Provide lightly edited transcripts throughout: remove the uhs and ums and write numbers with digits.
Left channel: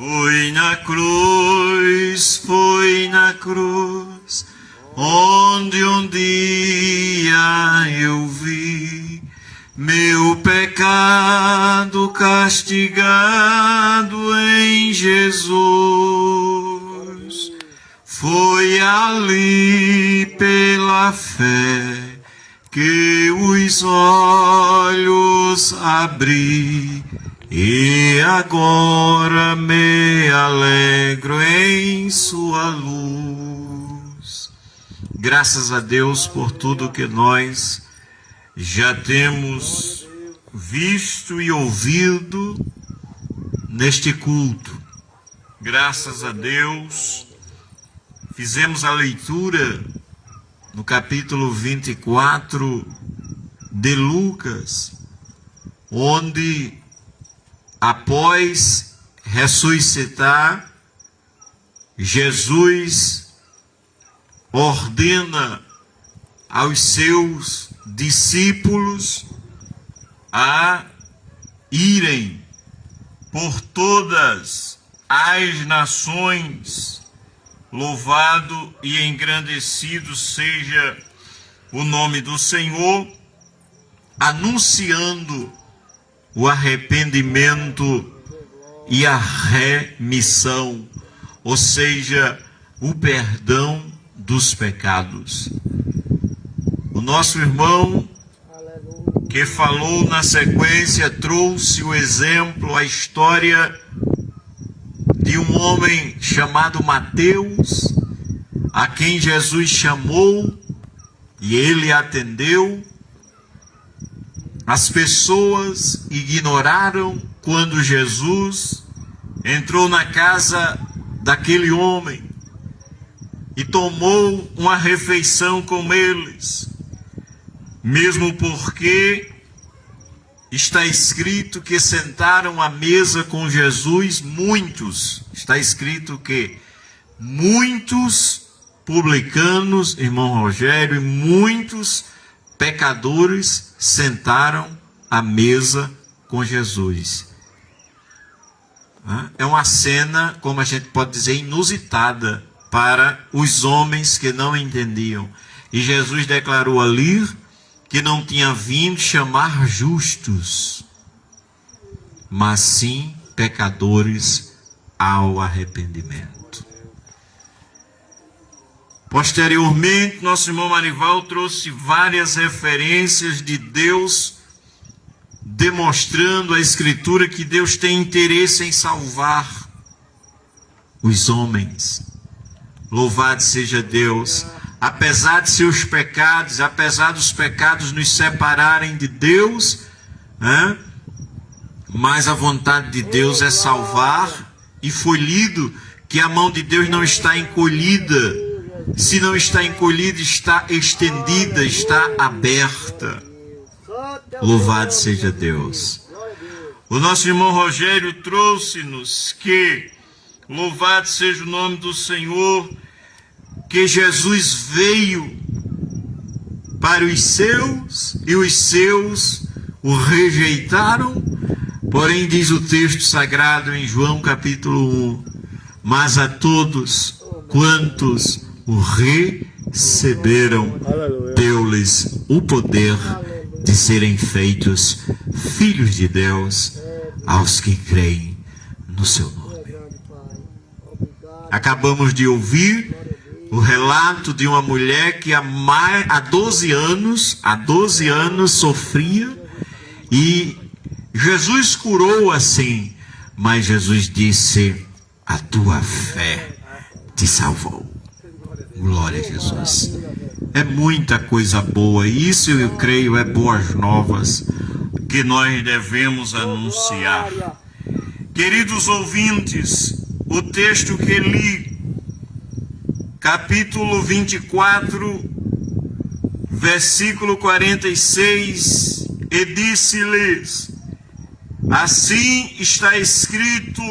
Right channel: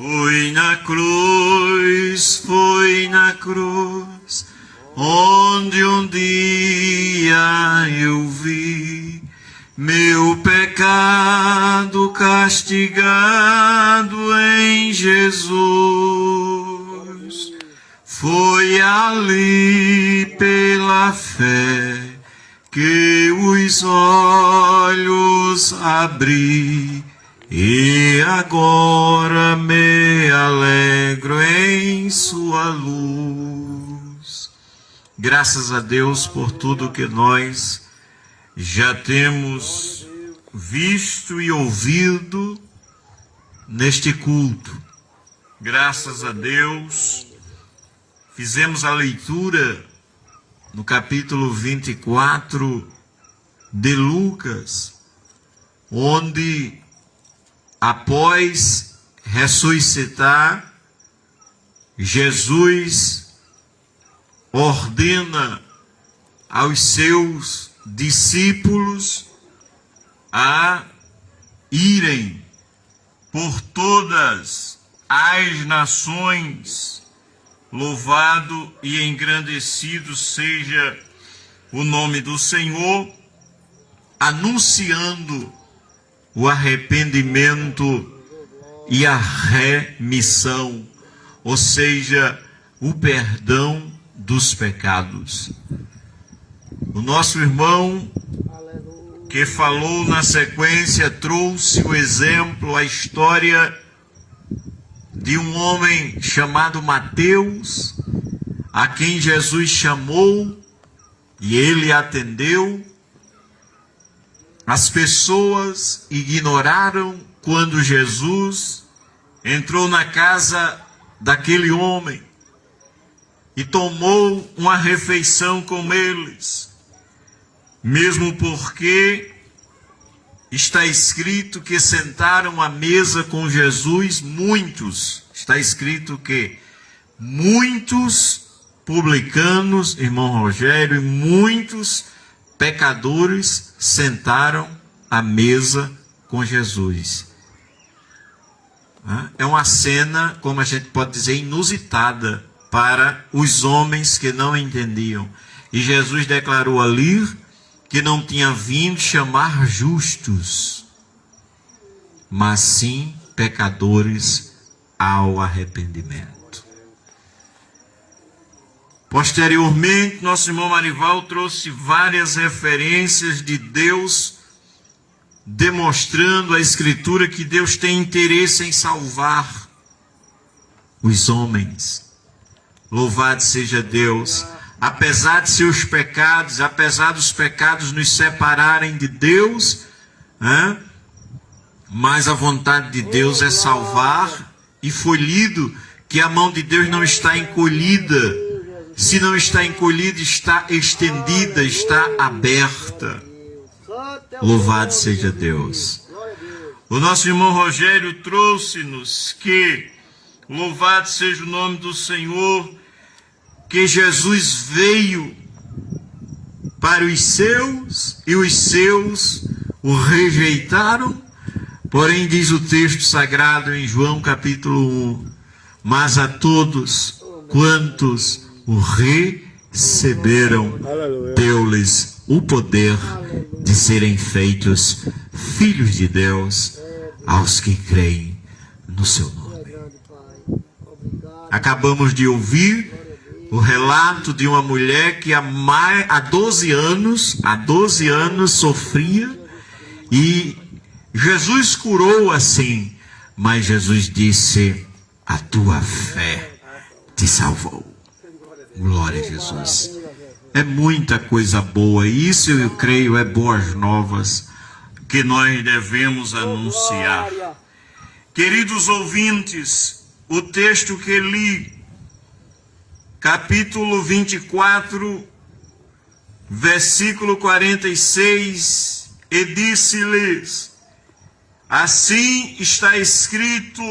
Foi na cruz, onde um dia eu vi meu pecado castigado em Jesus. Foi ali pela fé que os olhos abri, e agora me alegro em sua luz. Graças a Deus por tudo que nós já temos visto e ouvido neste culto. Graças a Deus, fizemos a leitura no capítulo 24 de Lucas, onde após ressuscitar, Jesus ordena aos seus discípulos a irem por todas as nações. Louvado e engrandecido seja o nome do Senhor, anunciando o arrependimento e a remissão, ou seja, o perdão dos pecados. O nosso irmão que falou na sequência trouxe o exemplo, a história de um homem chamado Mateus, a quem Jesus chamou e ele atendeu. As pessoas ignoraram quando Jesus entrou na casa daquele homem e tomou uma refeição com eles, mesmo porque está escrito que sentaram à mesa com Jesus muitos. Está escrito que muitos publicanos, irmão Rogério, e muitos pecadores sentaram à mesa com Jesus. É uma cena, como a gente pode dizer, inusitada para os homens que não entendiam. E Jesus declarou ali que não tinha vindo chamar justos, mas sim pecadores ao arrependimento. Posteriormente, nosso irmão Marival trouxe várias referências de Deus, demonstrando a Escritura que Deus tem interesse em salvar os homens. Louvado seja Deus. Apesar de seus pecados, apesar dos pecados nos separarem de Deus, mas a vontade de Deus é salvar, e foi lido que a mão de Deus não está encolhida. Se não está encolhida, está estendida, está aberta. Louvado seja Deus. O nosso irmão Rogério trouxe-nos que, louvado seja o nome do Senhor, que Jesus veio para os seus e os seus o rejeitaram. Porém, diz o texto sagrado em João capítulo 1, mas a todos quantos o receberam, deu-lhes o poder de serem feitos filhos de Deus, aos que creem no seu nome. Acabamos de ouvir o relato de uma mulher que há 12 anos sofria, e Jesus curou assim, mas Jesus disse: a tua fé te salvou. Glória a Jesus. É muita coisa boa, e isso eu creio é boas novas que nós devemos anunciar. Queridos ouvintes, o texto que li, capítulo 24, versículo 46, e disse-lhes: assim está escrito,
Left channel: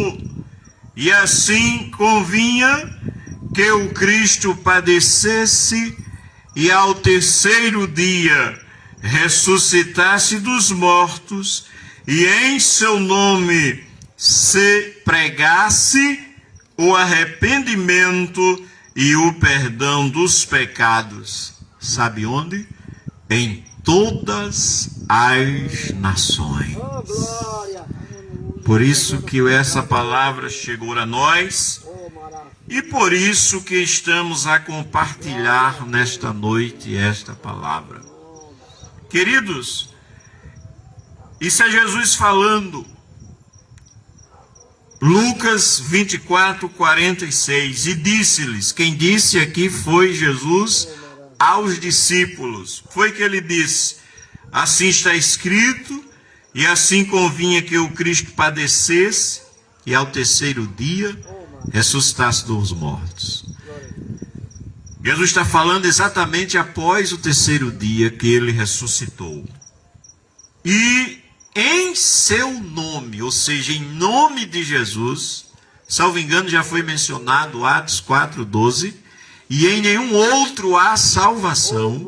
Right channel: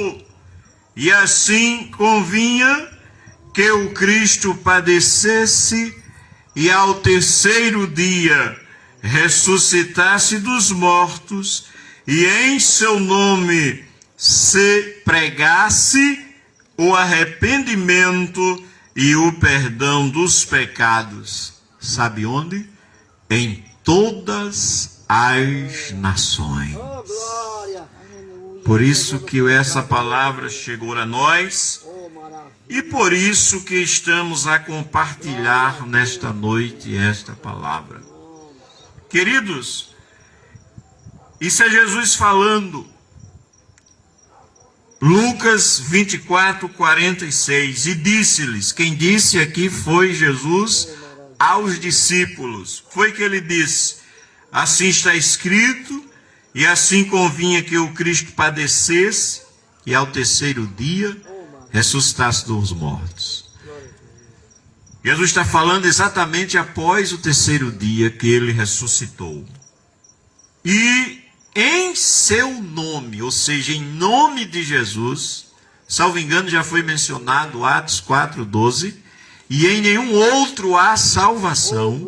e assim convinha que o Cristo padecesse e ao terceiro dia ressuscitasse dos mortos, e em seu nome se pregasse o arrependimento e o perdão dos pecados. Sabe onde? Em todas as nações. Por isso que essa palavra chegou a nós e por isso que estamos a compartilhar nesta noite esta palavra. Queridos, isso é Jesus falando. Lucas 24, 46. E disse-lhes, quem disse aqui foi Jesus aos discípulos. Foi que ele disse, assim está escrito, e assim convinha que o Cristo padecesse, e ao terceiro dia ressuscitasse dos mortos. Jesus está falando exatamente após o terceiro dia que ele ressuscitou. E em seu nome, ou seja, em nome de Jesus, salvo engano já foi mencionado Atos 4:12, e em nenhum outro há salvação,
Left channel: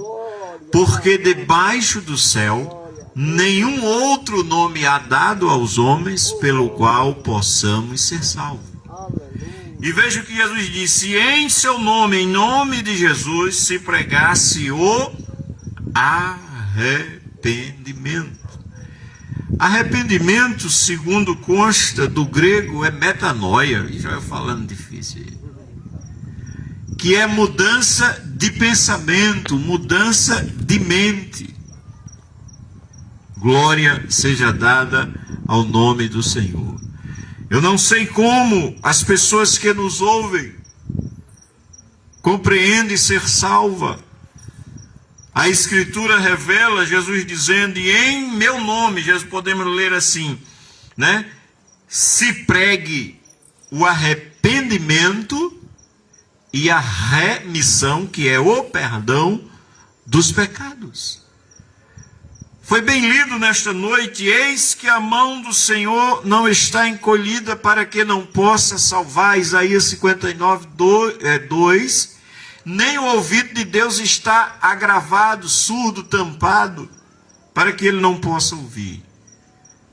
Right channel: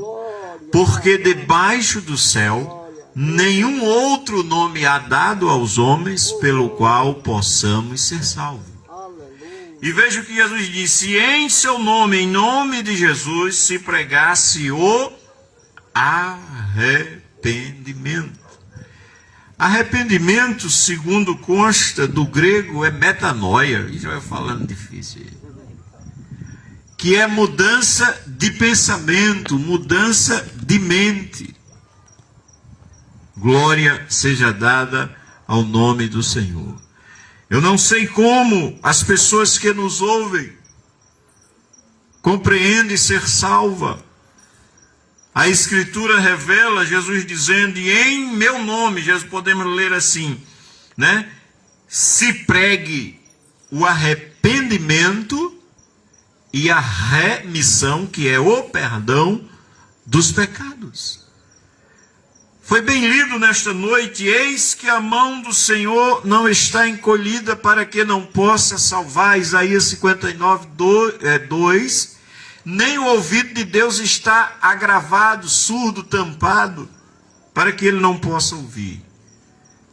porque debaixo do céu nenhum outro nome há dado aos homens pelo qual possamos ser salvos. E veja o que Jesus disse, em seu nome, em nome de Jesus, se pregasse o arrependimento. Arrependimento, segundo consta do grego, é metanoia, e já falando difícil, que é mudança de pensamento, mudança de mente. Glória seja dada ao nome do Senhor. Eu não sei como as pessoas que nos ouvem compreendem ser salva. A Escritura revela Jesus dizendo, e em meu nome, Jesus podemos ler assim, né? Se pregue o arrependimento e a remissão, que é o perdão dos pecados. Foi bem lido nesta noite, eis que a mão do Senhor não está encolhida para que não possa salvar, Isaías 59, 2, nem o ouvido de Deus está agravado, surdo, tampado, para que ele não possa ouvir.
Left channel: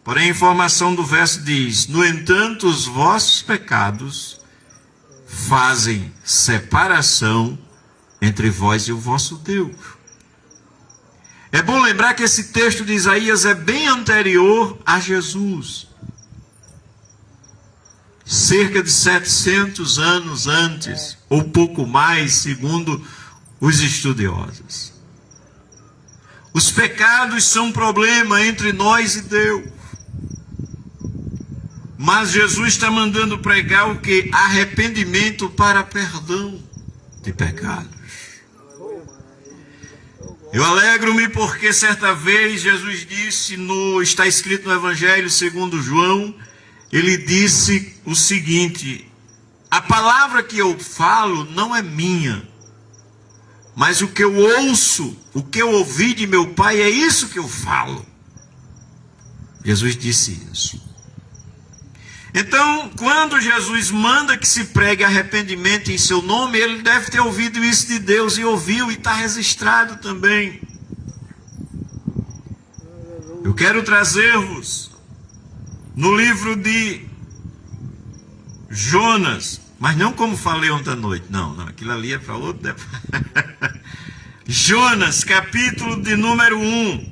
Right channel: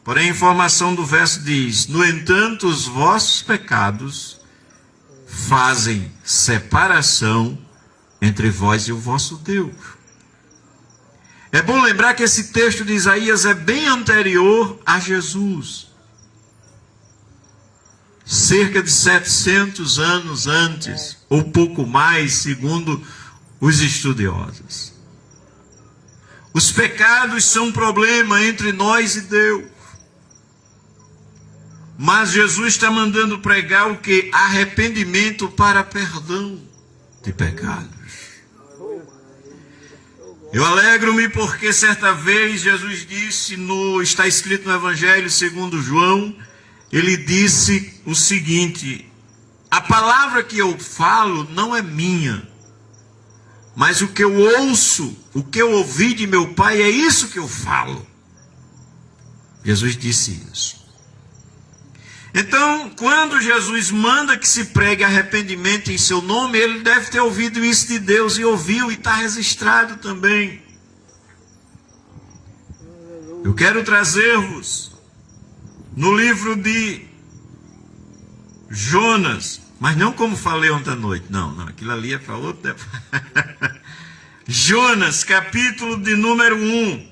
Porém, a informação do verso diz, no entanto, os vossos pecados fazem separação entre vós e o vosso Deus. É bom lembrar que esse texto de Isaías é bem anterior a Jesus. Cerca de 700 anos antes, ou pouco mais, segundo os estudiosos. Os pecados são um problema entre nós e Deus. Mas Jesus está mandando pregar o que? Arrependimento para perdão de pecados. Eu alegro-me porque certa vez Jesus disse, está escrito no Evangelho segundo João, ele disse o seguinte, a palavra que eu falo não é minha, mas o que eu ouço, o que eu ouvi de meu Pai, é isso que eu falo. Jesus disse isso. Então, quando Jesus manda que se pregue arrependimento em seu nome, ele deve ter ouvido isso de Deus, e ouviu, e está registrado também. Eu quero trazer-vos no livro de Jonas, mas não como falei ontem à noite, não, aquilo ali é para outro. Jonas, capítulo de número 1.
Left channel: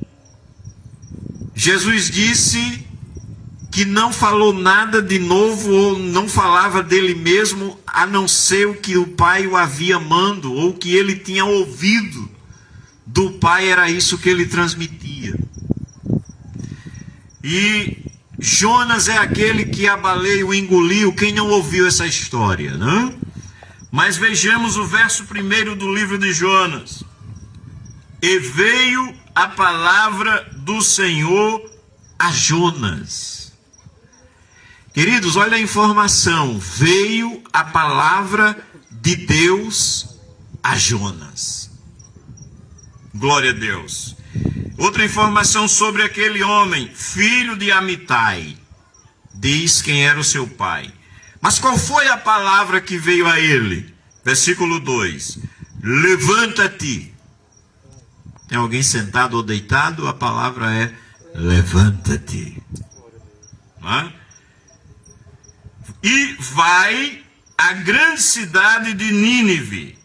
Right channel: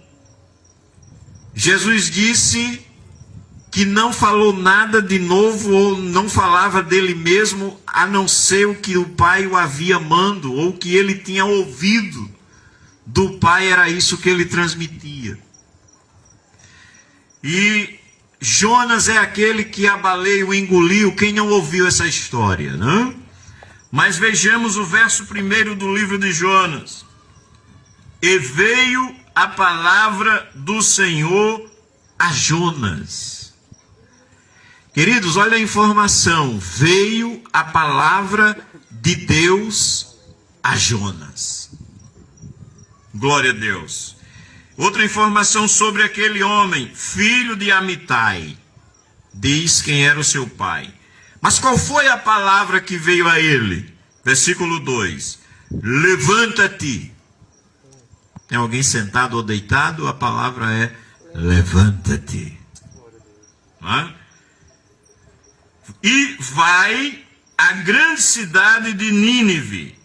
Jesus disse que não falou nada de novo, ou não falava dele mesmo, a não ser o que o Pai o havia mando, ou o que ele tinha ouvido do Pai, era isso que ele transmitia. E Jonas é aquele que a baleia o engoliu, quem não ouviu essa história, não? Mas vejamos o verso 1 do livro de Jonas. E veio a palavra do Senhor a Jonas. Queridos, olha a informação. Veio a palavra de Deus a Jonas. Glória a Deus. Outra informação sobre aquele homem, filho de Amitai. Diz quem era o seu pai. Mas qual foi a palavra que veio a ele? Versículo 2. Levanta-te. Tem alguém sentado ou deitado? A palavra é levanta-te. Não é? E vai à grande cidade de Nínive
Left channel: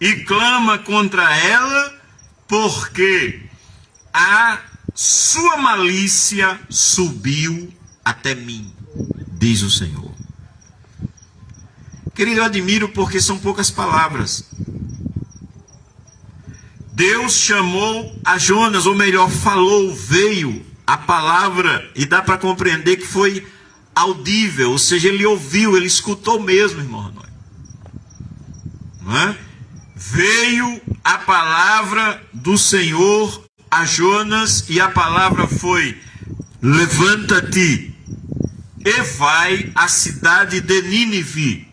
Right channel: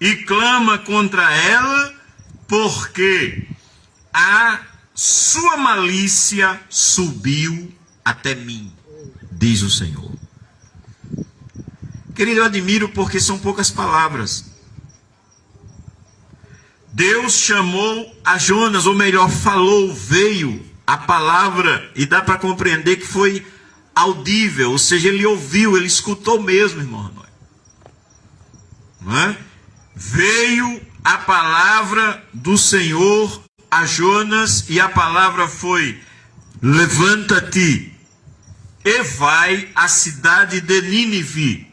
e clama contra ela, porque a sua malícia subiu até mim, diz o Senhor. Querido, eu admiro porque são poucas palavras. Deus chamou a Jonas, ou melhor, falou, veio a palavra, e dá para compreender que foi audível, ou seja, ele ouviu, ele escutou mesmo, irmão. Não é? Veio a palavra do Senhor a Jonas, e a palavra foi: levanta-te e vai à cidade de Nínive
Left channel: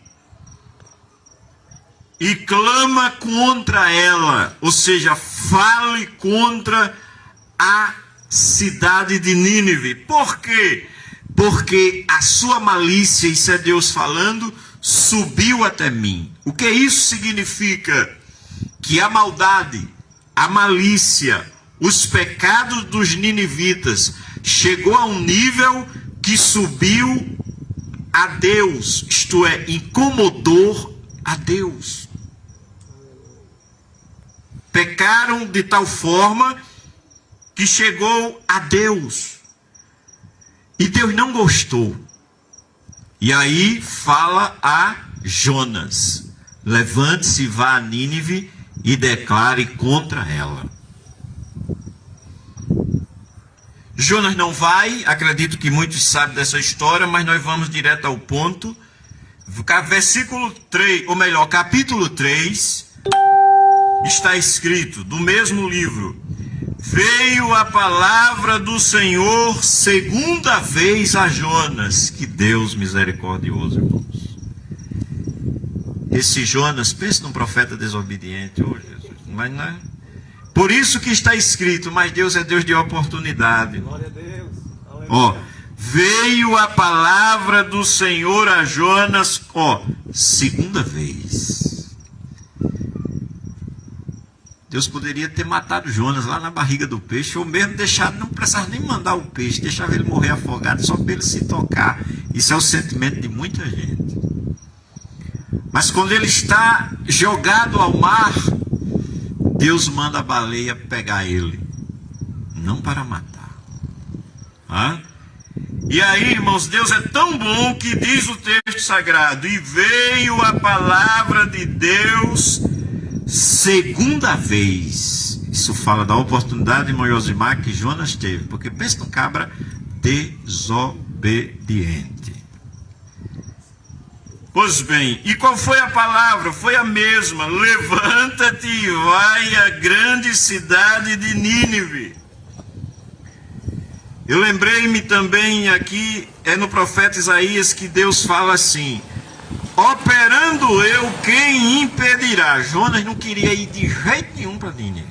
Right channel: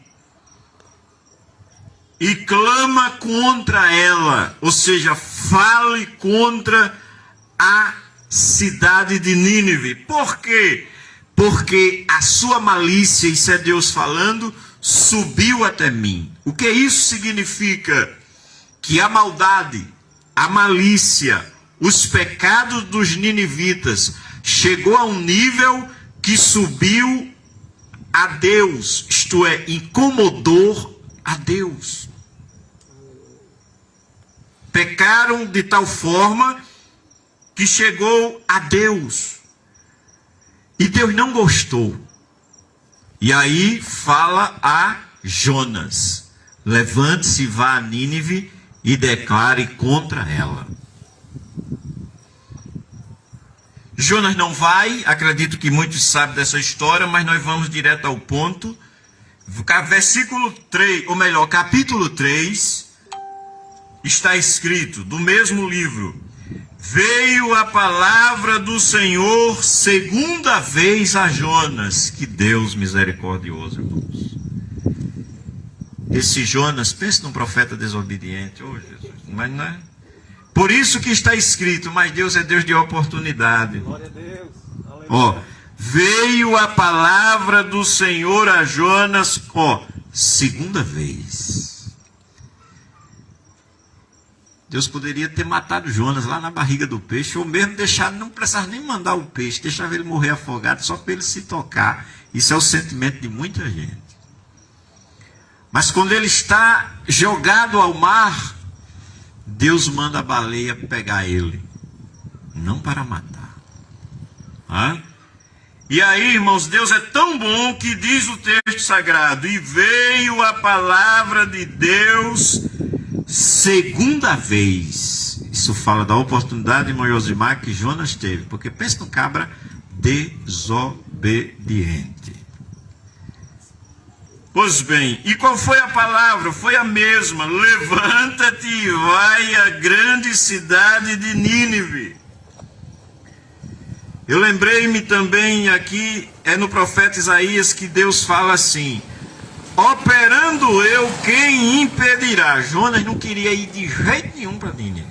e clama contra ela, ou seja, fale contra a cidade de Nínive. Por quê? Porque a sua malícia, isso é Deus falando, subiu até mim. O que isso significa? Que a maldade, a malícia, os pecados dos ninivitas chegou a um nível que subiu a Deus, isto é, incomodou a Deus. Pecaram de tal forma que chegou a Deus. E Deus não gostou. E aí fala a Jonas: levante-se e vá a Nínive e declare contra ela. Jonas não vai, acredito que muitos sabem dessa história, mas nós vamos direto ao ponto. Versículo 3, ou melhor, capítulo 3, está escrito, do mesmo livro: veio a palavra do Senhor segunda vez a Jonas. Que Deus misericordioso, irmãos. Esse Jonas, pense num profeta desobediente, oh Jesus, mas não é. Por isso que está escrito, mas Deus é Deus de oportunidade. Glória a Deus. Ó, veio a palavra do Senhor a Jonas, ó, segunda vez. Deus poderia ter matado Jonas lá na barriga do peixe, ou mesmo deixar, não precisava nem mandar o peixe, deixava ele morrer afogado só para ele se tocar. Isso é o sentimento de muita gente. Mas quando ele está jogado ao mar, Deus manda a baleia pegar ele, não para matar. E aí, irmãos, Deus é tão bom que diz o texto sagrado: e veio a palavra de Deus segunda vez. Isso fala da oportunidade, irmão Josimar, que Jonas teve, porque pensa no cabra desobediente. Pois bem, e qual foi a palavra? Foi a mesma: levanta-te e vai à grande cidade de Nínive. Eu lembrei-me também aqui, é no profeta Isaías, que Deus fala assim: operando eu, quem impedirá? Jonas não queria ir de jeito nenhum para Nínive.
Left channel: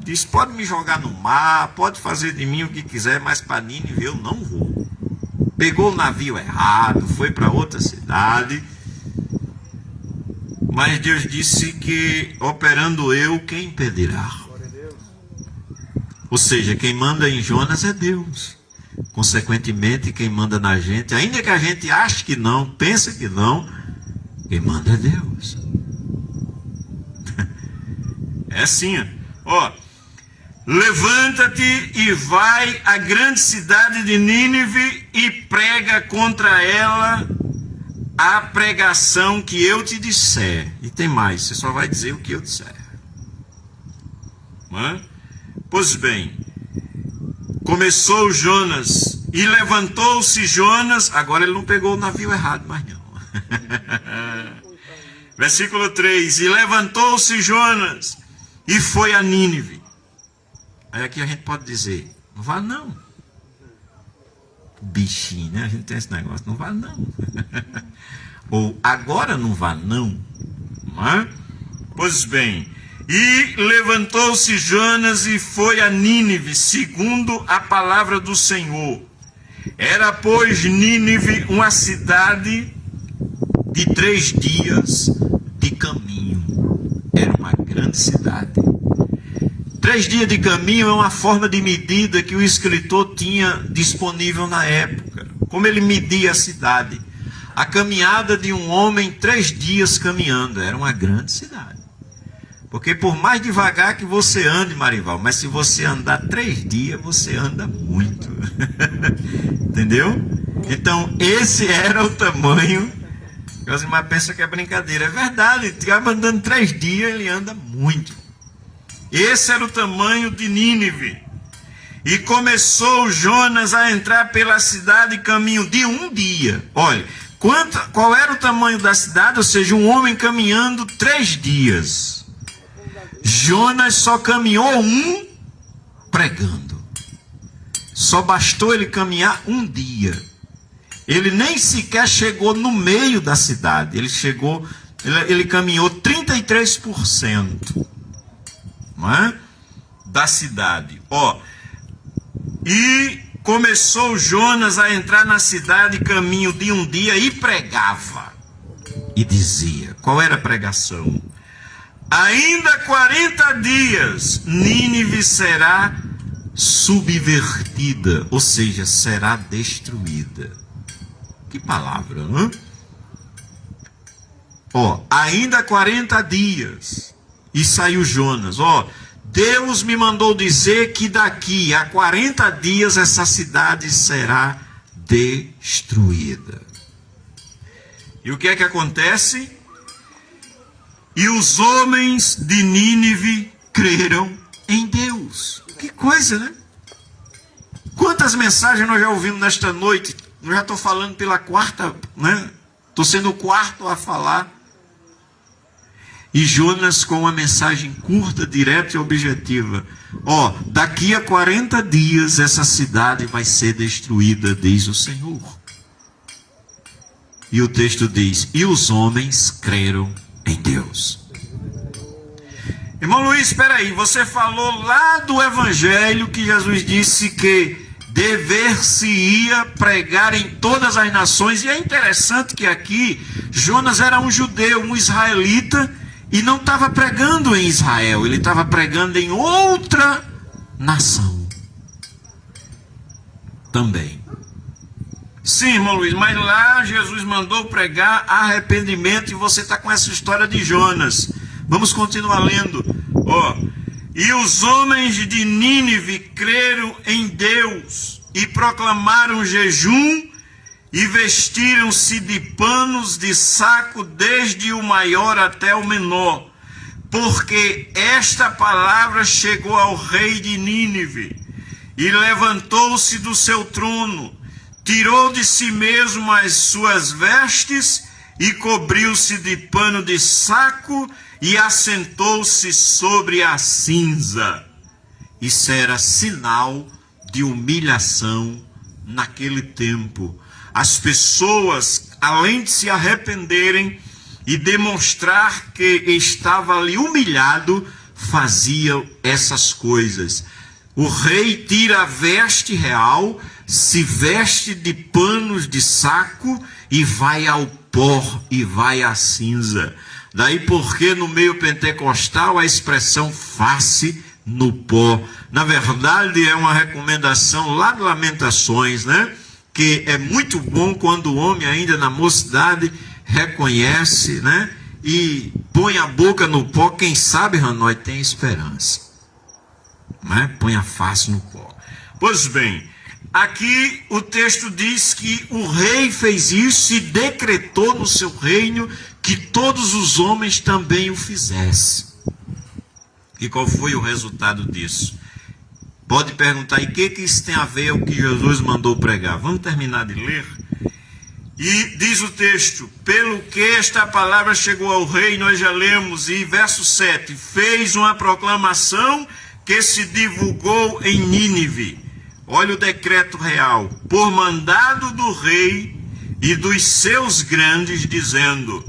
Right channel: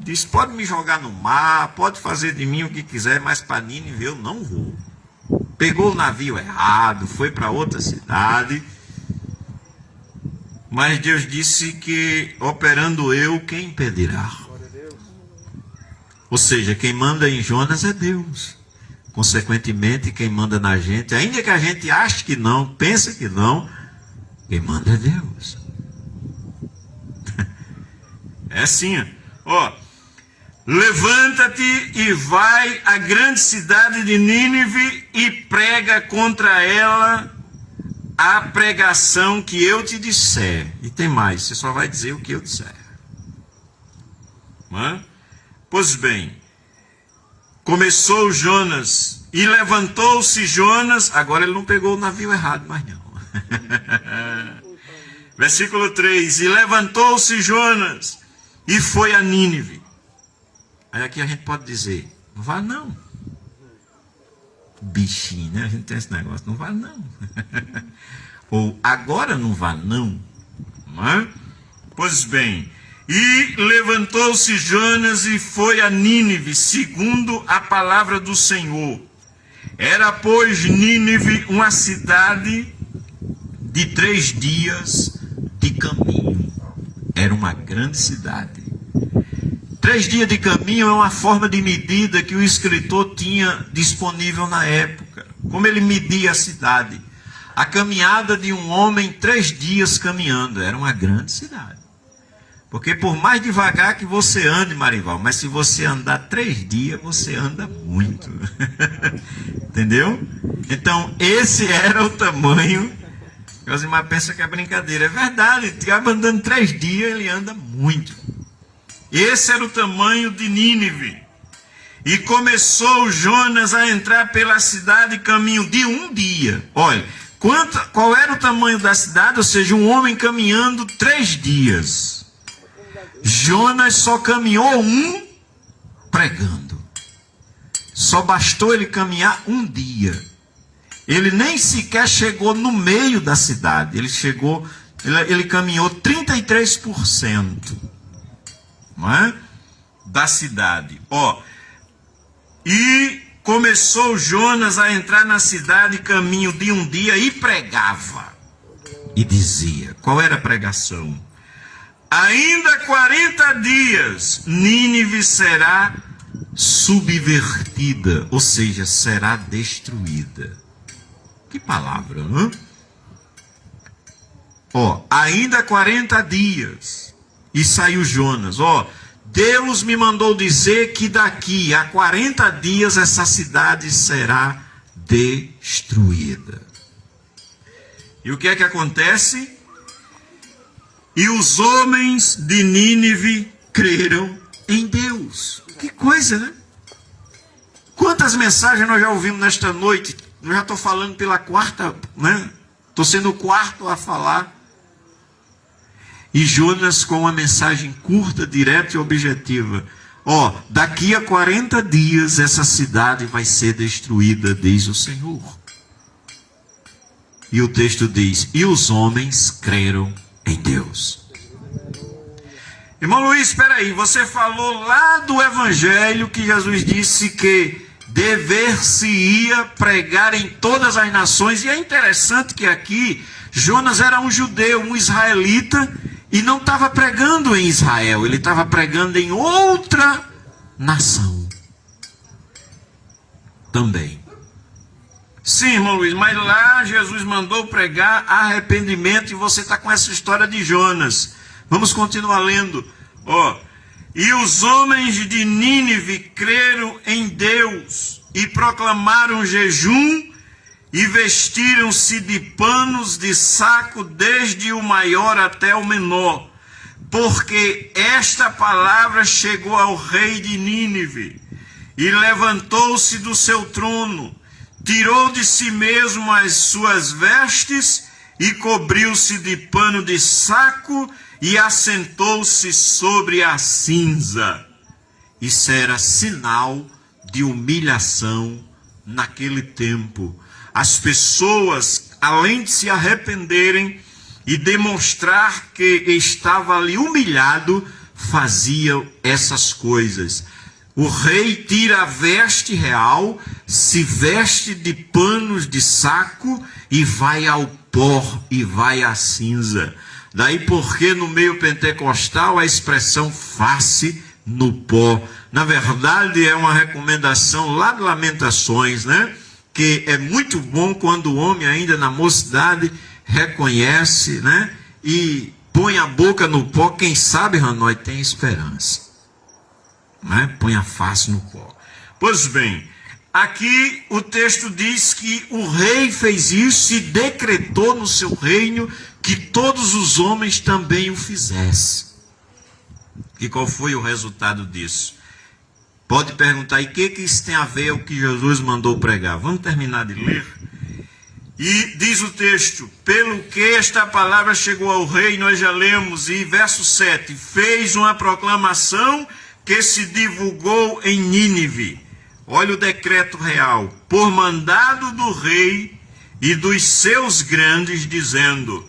Diz: pode me jogar no mar, pode fazer de mim o que quiser, mas para Nínive eu não vou. Pegou o navio errado, foi para outra cidade. Mas Deus disse que, operando eu, quem impedirá? Ou seja, quem manda em Jonas é Deus. Consequentemente, quem manda na gente, ainda que a gente ache que não, pense que não, quem manda é Deus. É assim, ó. Levanta-te e vai à grande cidade de Nínive e prega contra ela a pregação que eu te disser. E tem mais, você só vai dizer o que eu disser. Pois bem, começou Jonas e levantou-se Jonas. Agora ele não pegou o navio errado, mas não. Versículo 3: e levantou-se Jonas e foi a Nínive. Aí aqui a gente pode dizer: não vá não. Bichinho, né? A gente tem esse negócio: não vá não. Ou agora não vá não. Não é? Pois bem, e levantou-se Jonas e foi a Nínive, segundo a palavra do Senhor. Era, pois, Nínive uma cidade de 3 dias de caminho. Era uma grande cidade. 3 dias de caminho é uma forma de medida que o escritor tinha disponível na época. como ele media a cidade. A caminhada de um homem, 3 dias caminhando, era uma grande cidade. Porque por mais devagar que você ande, Marival, mas se você andar 3 dias, você anda muito. Entendeu? Então, esse era o tamanho. Os irmãos pensam que é brincadeira. É verdade, andando 3 dias, ele anda muito. Esse era o tamanho de Nínive. E começou Jonas a entrar pela cidade caminho de 1 dia. Olha, qual era o tamanho da cidade? Ou seja, um homem caminhando 3 dias. Jonas só caminhou 1 pregando. Só bastou ele caminhar 1 dia. Ele nem sequer chegou no meio da cidade. Ele caminhou 33%, não é? Da cidade. E começou Jonas a entrar na cidade caminho de 1 dia e pregava. E dizia, qual era a pregação? Ainda 40 dias, Nínive será subvertida, ou seja, será destruída. Que palavra, hein? Ainda 40 dias. E saiu Jonas. Deus me mandou dizer que daqui a 40 dias essa cidade será destruída. E o que é que acontece? E os homens de Nínive creram em Deus. Que coisa, né? Quantas mensagens nós já ouvimos nesta noite? Eu já estou falando pela 4ª, né? Estou sendo o 4º a falar. E Jonas com uma mensagem curta, direta e objetiva. Daqui a 40 dias essa cidade vai ser destruída, diz o Senhor. E o texto diz, e os homens creram em Deus. Irmão Luiz, espera aí, você falou lá do Evangelho que Jesus disse que dever-se-ia pregar em todas as nações. E é interessante que aqui Jonas era um judeu, um israelita, e não estava pregando em Israel, ele estava pregando em outra nação também. Sim, irmão Luiz, mas lá Jesus mandou pregar arrependimento e você está com essa história de Jonas. Vamos continuar lendo. E os homens de Nínive creram em Deus e proclamaram jejum e vestiram-se de panos de saco, desde o maior até o menor, porque esta palavra chegou ao rei de Nínive, e levantou-se do seu trono, tirou de si mesmo as suas vestes, e cobriu-se de pano de saco, e assentou-se sobre a cinza. Isso era sinal de humilhação naquele tempo. As pessoas, além de se arrependerem e demonstrar que estava ali humilhado, faziam essas coisas. O rei tira a veste real, se veste de panos de saco e vai ao pó e vai à cinza. Daí porque no meio pentecostal a expressão face no pó. Na verdade é uma recomendação lá de Lamentações, né? Que é muito bom quando o homem ainda na mocidade reconhece, né? E põe a boca no pó. Quem sabe, Hanoi, tem esperança, né? Põe a face no pó. Pois bem, aqui o texto diz que o rei fez isso e decretou no seu reino que todos os homens também o fizessem. E qual foi o resultado disso? Pode perguntar, e o que isso tem a ver com o que Jesus mandou pregar? Vamos terminar de ler? E diz o texto, pelo que esta palavra chegou ao rei, nós já lemos, e verso 7, fez uma proclamação que se divulgou em Nínive. Olha o decreto real, por mandado do rei e dos seus grandes, dizendo,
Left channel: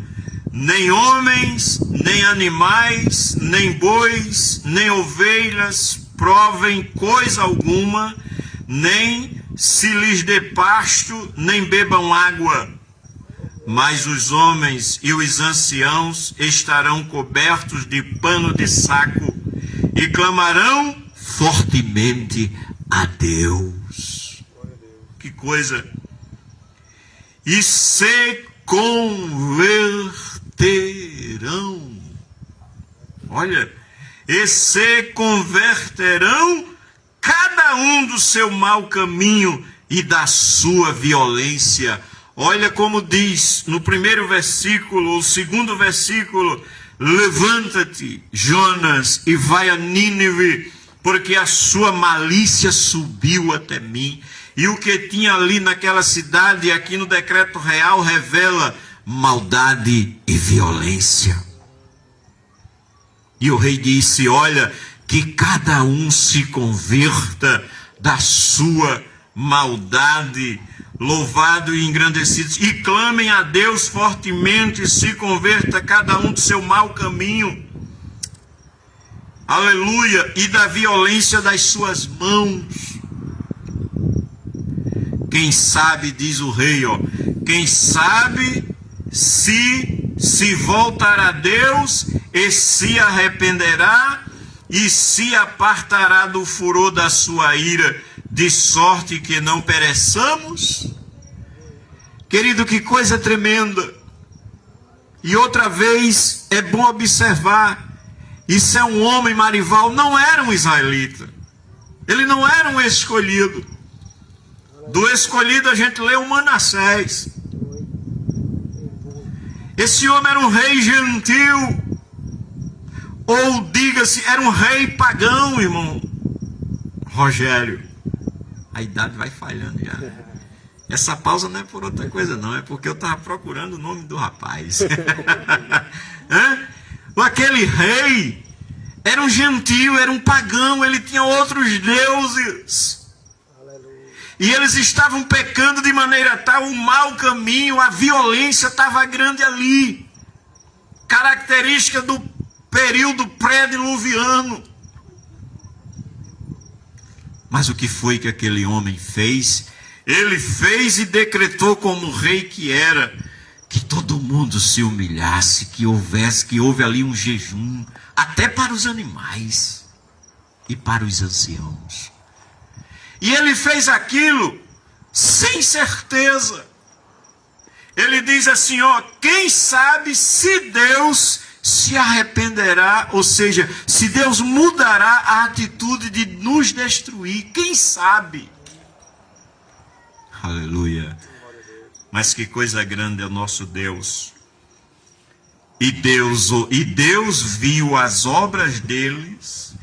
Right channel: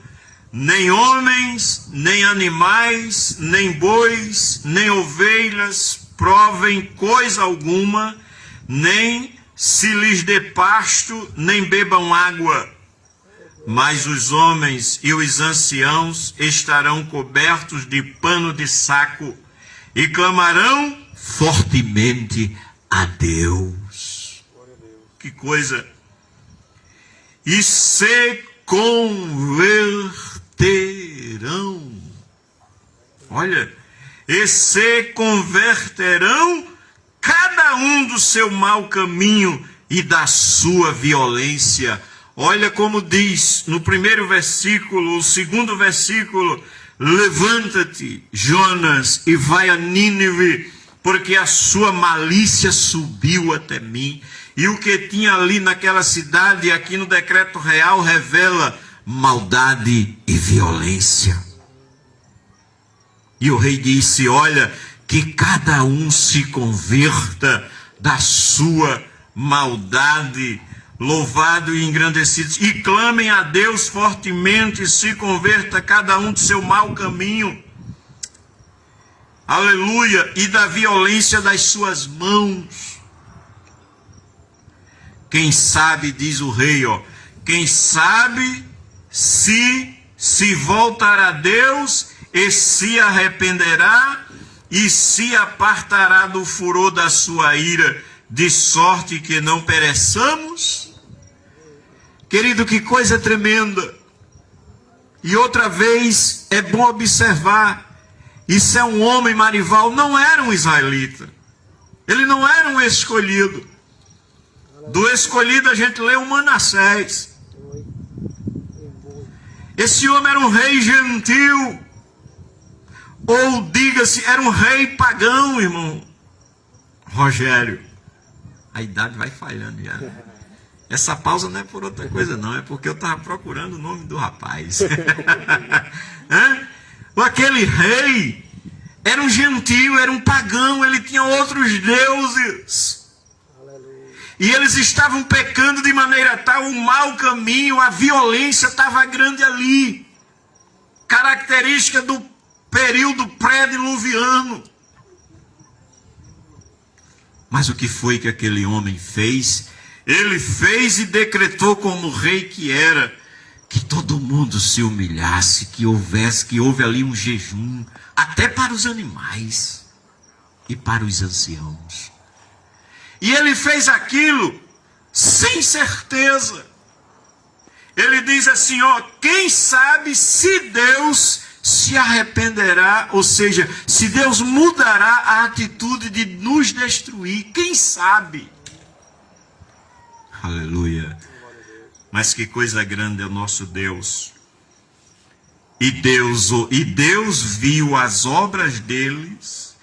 nem homens, nem animais, nem bois, nem ovelhas, provem coisa alguma, nem se lhes dê pasto, nem bebam água. Mas os homens e os anciãos estarão cobertos de pano de saco e clamarão fortemente a Deus. Que coisa! e se converterão. Olha, e se converterão cada um do seu mau caminho e da sua violência. Olha como diz no primeiro versículo, o segundo versículo: levanta-te, Jonas, e vai a Nínive, porque a sua malícia subiu até mim. E o que tinha ali naquela cidade, aqui no decreto real, revela maldade e violência. E o rei disse: olha, que cada um se converta da sua maldade. Louvado e engrandecido, e clamem a Deus fortemente, se converta cada um do seu mau caminho. Aleluia, e da violência das suas mãos. Quem sabe, diz o rei, quem sabe se voltará a Deus e se arrependerá e se apartará do furor da sua ira, de sorte que não pereçamos. Querido, que coisa tremenda. E outra vez é bom observar, isso é um homem, Marival, não era um israelita. Ele não era um escolhido. Do escolhido a gente lê o Manassés. Esse homem era um rei gentil, ou diga-se, era um rei pagão, irmão Rogério. A idade vai falhando já. Essa pausa não é por outra coisa não, é porque eu estava procurando o nome do rapaz. Aquele rei era um gentil, era um pagão, ele tinha outros deuses. E eles estavam pecando de maneira tal, o mau caminho, a violência estava grande ali. Característica do período pré-diluviano. Mas o que foi que aquele homem fez? Ele fez e decretou como rei que era, que todo mundo se humilhasse, que houve ali um jejum, até para os animais e para os anciãos. E ele fez aquilo sem certeza. Ele diz assim, quem sabe se Deus se arrependerá, ou seja, se Deus mudará a atitude de nos destruir, quem sabe? Aleluia. Mas que coisa grande é o nosso Deus. E Deus viu as obras deles,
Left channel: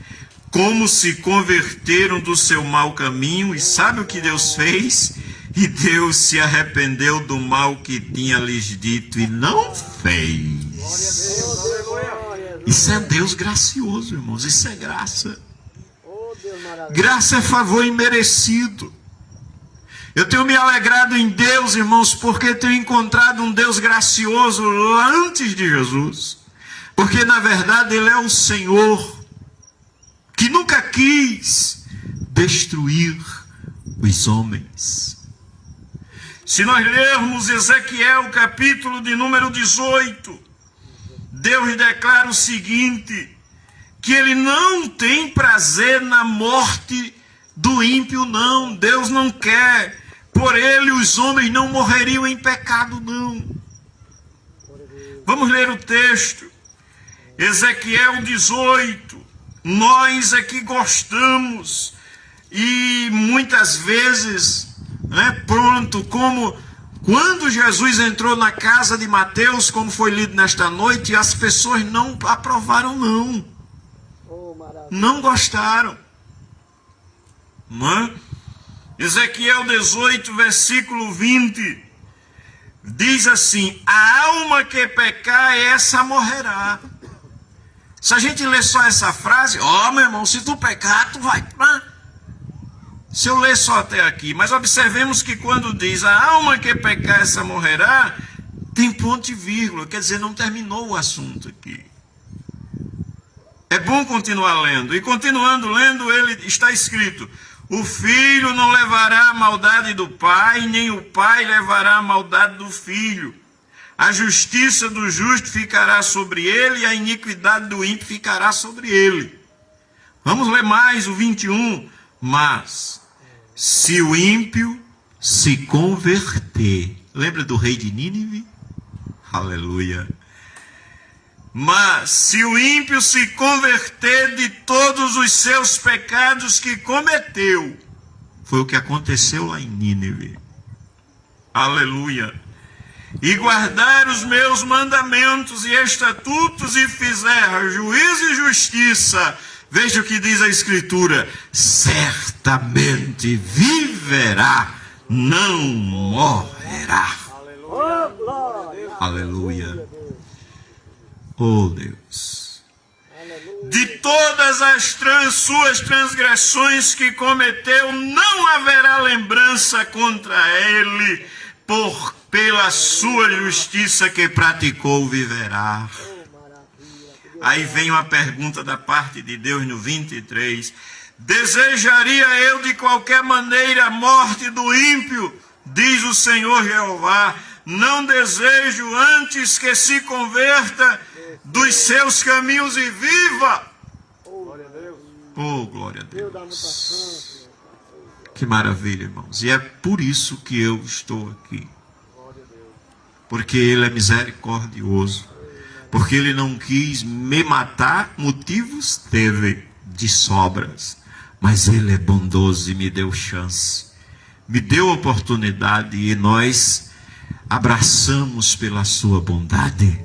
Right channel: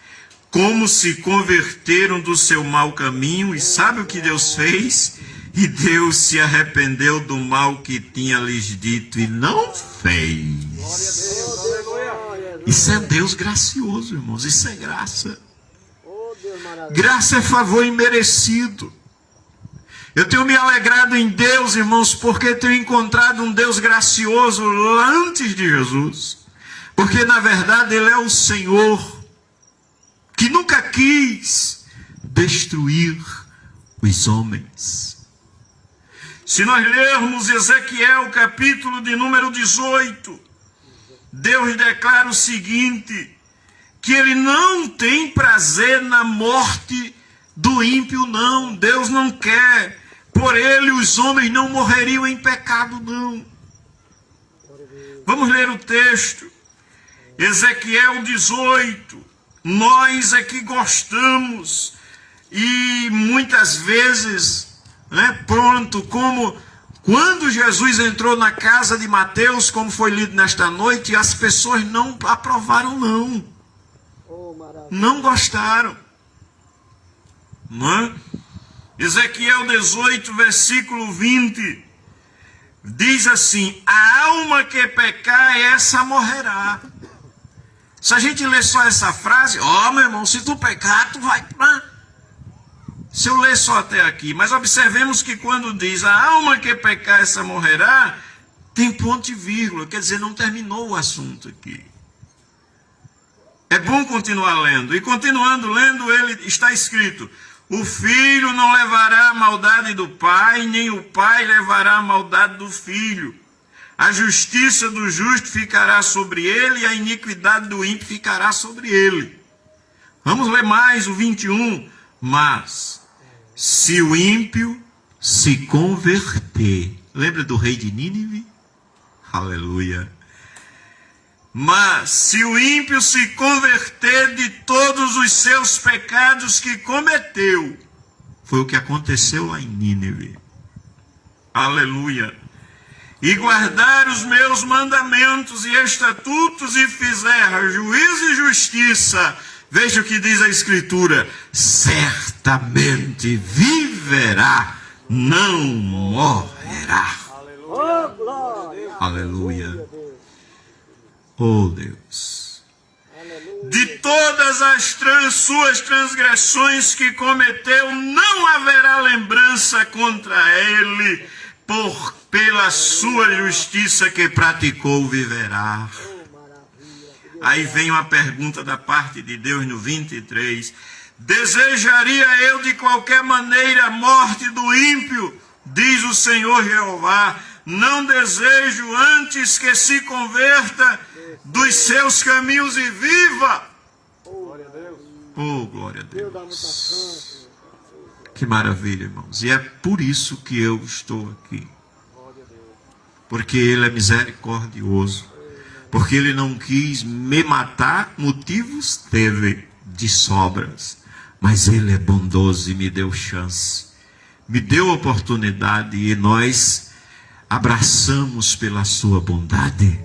como se converteram do seu mau caminho, e sabe o que Deus fez? E Deus se arrependeu do mal que tinha lhes dito e não fez. Isso é Deus gracioso, irmãos, isso é graça. Graça é favor imerecido. Eu tenho me alegrado em Deus, irmãos, porque tenho encontrado um Deus gracioso lá antes de Jesus. Porque, na verdade, Ele é o Senhor que nunca quis destruir os homens. Se nós lermos Ezequiel, capítulo de número 18, Deus declara o seguinte, que Ele não tem prazer na morte do ímpio, não. Deus não quer. Por Ele os homens não morreriam em pecado, não. Vamos ler o texto. Ezequiel 18. Nós aqui gostamos e muitas vezes, como quando Jesus entrou na casa de Mateus, como foi lido nesta noite, as pessoas não aprovaram, não gostaram. Ezequiel 18, versículo 20, diz assim, a alma que pecar, essa morrerá. Se a gente ler só essa frase, meu irmão, se tu pecar, tu vai... Se eu ler só até aqui, mas observemos que quando diz a alma que pecar, essa morrerá, tem ponto e vírgula, quer dizer, não terminou o assunto aqui. É bom continuar lendo. E continuando lendo, ele está escrito, o filho não levará a maldade do pai, nem o pai levará a maldade do filho. A justiça do justo ficará sobre ele, e a iniquidade do ímpio ficará sobre ele. Vamos ler mais o 21. Mas, se o ímpio se converter, Lembra do rei de Nínive? Aleluia. Mas se o ímpio se converter de todos os seus pecados que cometeu, foi o que aconteceu lá em Nínive. Aleluia. E guardar os meus mandamentos e estatutos e fizer juízo e justiça, veja o que diz a Escritura, certamente viverá, não morrerá. Aleluia. Oh Deus. De todas as suas transgressões que cometeu, não haverá lembrança contra ele, pela sua justiça que praticou, viverá. Aí vem uma pergunta da parte de Deus no 23. Desejaria eu de qualquer maneira a morte do ímpio, diz o Senhor Jeová. Não desejo antes que se converta dos seus caminhos e viva. Oh, glória a Deus. Que maravilha, irmãos. E é por isso que eu estou aqui. Porque Ele é misericordioso. Porque Ele não quis me matar, motivos teve de sobras. Mas Ele é bondoso e me deu chance. Me deu oportunidade e nós abraçamos pela sua bondade.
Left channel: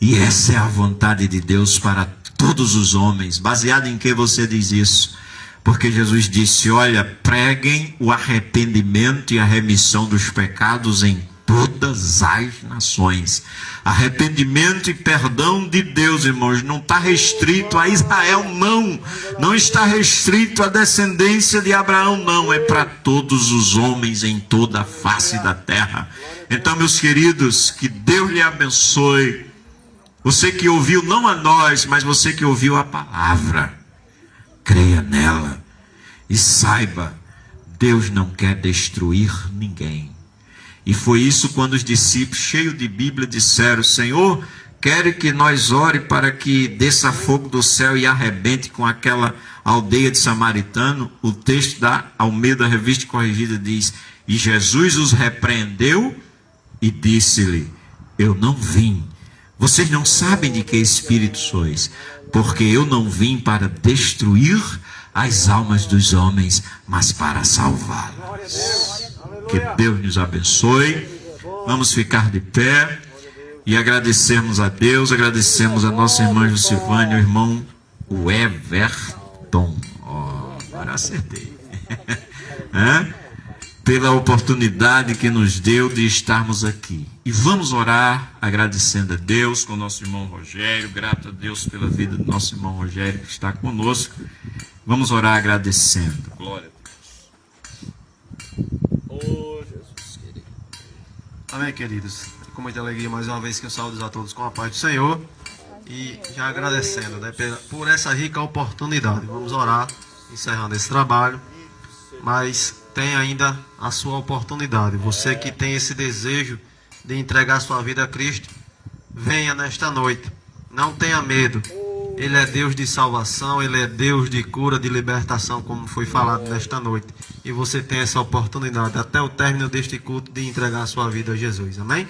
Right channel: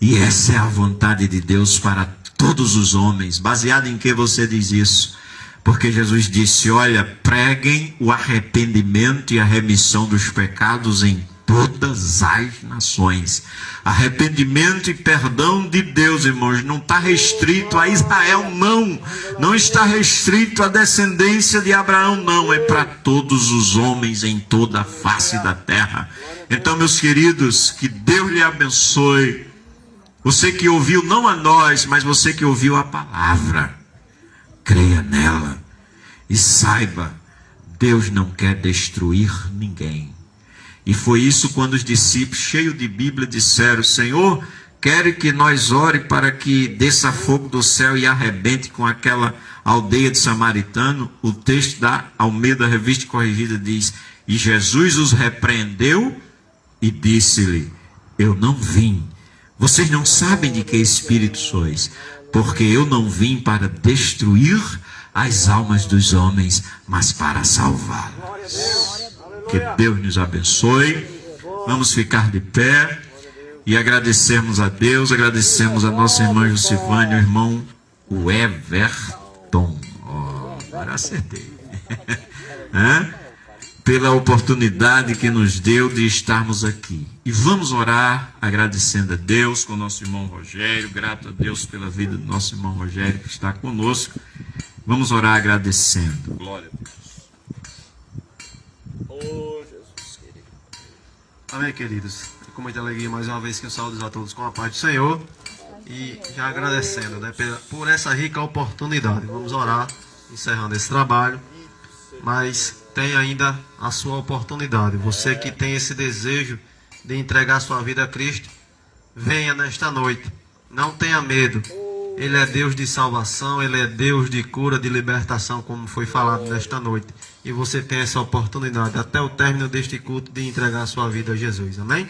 E essa é a vontade de Deus para todos os homens. Baseado em que você diz isso? Porque Jesus disse, olha, preguem o arrependimento e a remissão dos pecados em todas as nações. Arrependimento e perdão de Deus, irmãos, não está restrito a Israel, não. Não está restrito à descendência de Abraão, não. É para todos os homens em toda a face da terra. Então, meus queridos, que Deus lhe abençoe. Você que ouviu, não a nós, mas você que ouviu a palavra. Creia nela e saiba, Deus não quer destruir ninguém. E foi isso quando os discípulos, cheios de Bíblia, disseram, Senhor, quero que nós ore para que desça fogo do céu e arrebente com aquela aldeia de samaritano. O texto da Almeida Revista Corrigida diz, e Jesus os repreendeu e disse-lhe, eu não vim. Vocês não sabem de que espírito sois, porque eu não vim para destruir as almas dos homens, mas para salvá-las. Que Deus nos abençoe. Vamos ficar de pé e agradecermos a Deus, agradecemos a nossa irmã Jusivânia, o irmão Everton. Agora acertei. Pela oportunidade que nos deu de estarmos aqui. E vamos orar agradecendo a Deus com o nosso irmão Rogério, grato a Deus pela vida do nosso irmão Rogério que está conosco. Vamos orar agradecendo. Glória a Deus. Oh, Jesus querido. Amém, queridos. Com muita alegria, mais uma vez que eu saúdo a todos com a paz do Senhor. E já agradecendo, né, por essa rica oportunidade. Vamos orar, encerrando esse trabalho. Mas tem ainda a sua oportunidade. Você que tem esse desejo de entregar sua vida a Cristo, venha nesta noite. Não tenha medo. Ele é Deus de salvação, Ele é Deus de cura, de libertação, como foi falado nesta noite. E você tem essa oportunidade, até o término deste culto, de entregar a sua vida a Jesus. Amém?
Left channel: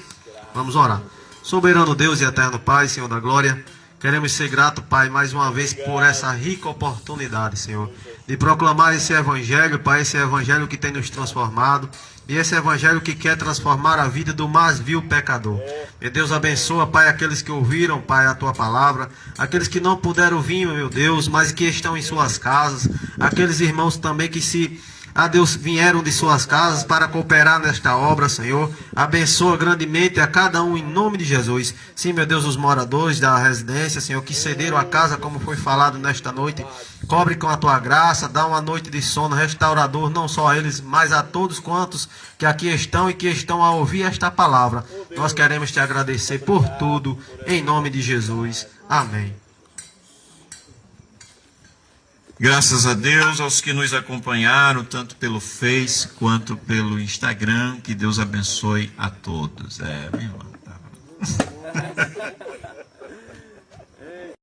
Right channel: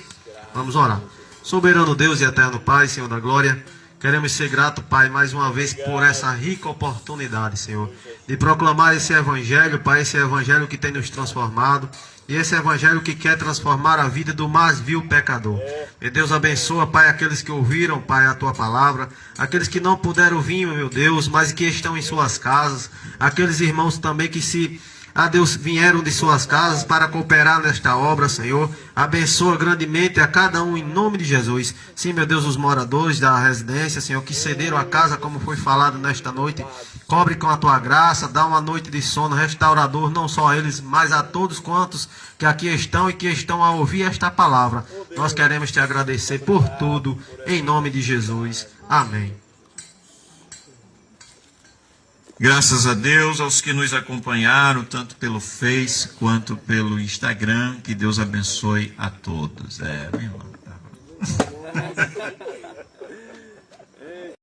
Vamos orar. Soberano Deus e eterno Pai, Senhor da glória, queremos ser gratos, Pai, mais uma vez por essa rica oportunidade, Senhor, de proclamar esse evangelho, Pai, esse evangelho que tem nos transformado. E esse evangelho que quer transformar a vida do mais vil pecador. Meu Deus, abençoa, Pai, aqueles que ouviram, Pai, a Tua palavra. Aqueles que não puderam vir, meu Deus, mas que estão em suas casas. Aqueles irmãos também que Deus, vieram de suas casas para cooperar nesta obra, Senhor. Abençoa grandemente a cada um em nome de Jesus. Sim, meu Deus, os moradores da residência, Senhor, que cederam a casa, como foi falado nesta noite. Cobre com a Tua graça, dá uma noite de sono restaurador, não só a eles, mas a todos quantos que aqui estão e que estão a ouvir esta palavra. Nós queremos Te agradecer por tudo, em nome de Jesus. Amém. Graças a Deus, aos que nos acompanharam, tanto pelo Face quanto pelo Instagram. Que Deus abençoe a todos. Meu irmão.